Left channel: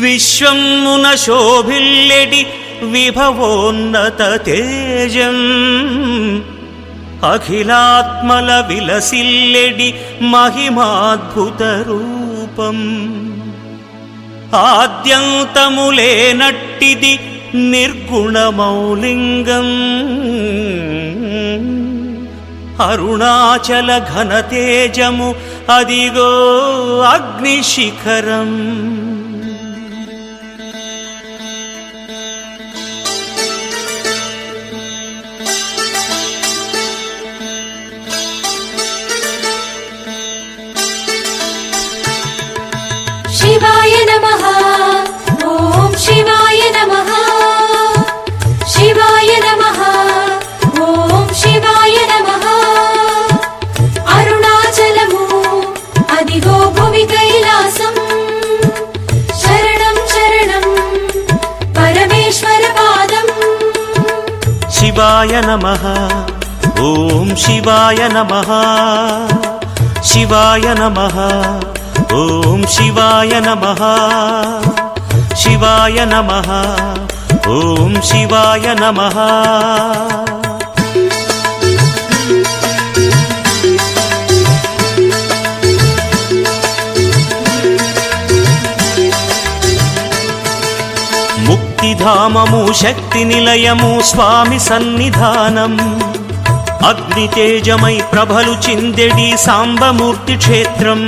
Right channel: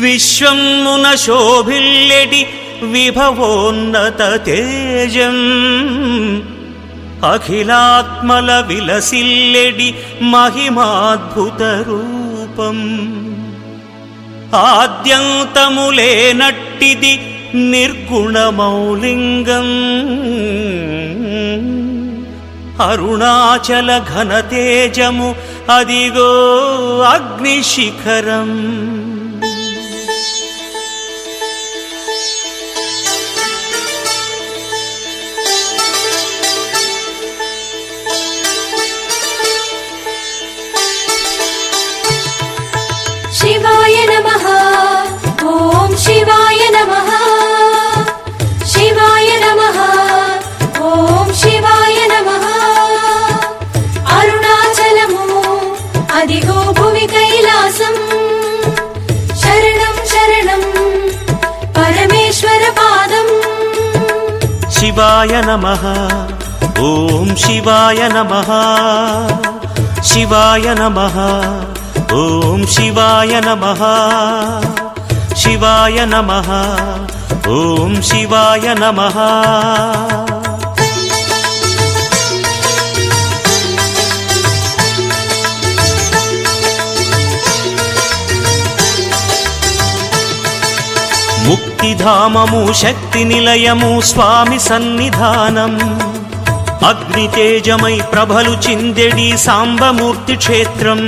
విశ్వమున శోభిల్లెడి విభవోన్నత తేజం అఖిలాత్మల విలసిల్లెడి మహిమాద్భుత రూపం ఆద్యంతములేనట్టిది నిర్గుణమౌలింగం అరుణాచల ఘనతేజము అదిగో అగ్నిశిఖరం శివాయ నమః ఓం శివాయ నమః శివాయ నమః ఓం శివాయ నమః అరుణాచలము అదిగో భువి కైలాసం శరణం శరణం పరమేశ్వర పాదం శివాయ నమః ఓం శివాయ నమః శివాయ నమః ఓం శివాయ నమః శివాయ నమః ఓం శివాయ నమః ముక్తిధామము శక్తి నిలయము స్వామి సన్నిధానం అగ్నితేజమై ప్రభలు చిందెడి సాంబమూర్తి క్షేత్రం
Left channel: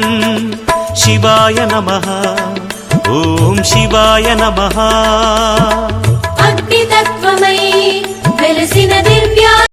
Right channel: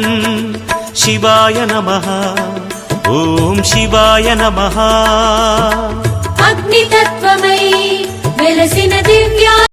శివాయ నమః ఓం శివాయ నమః అగ్నితత్వమై వెలసిన దివ్య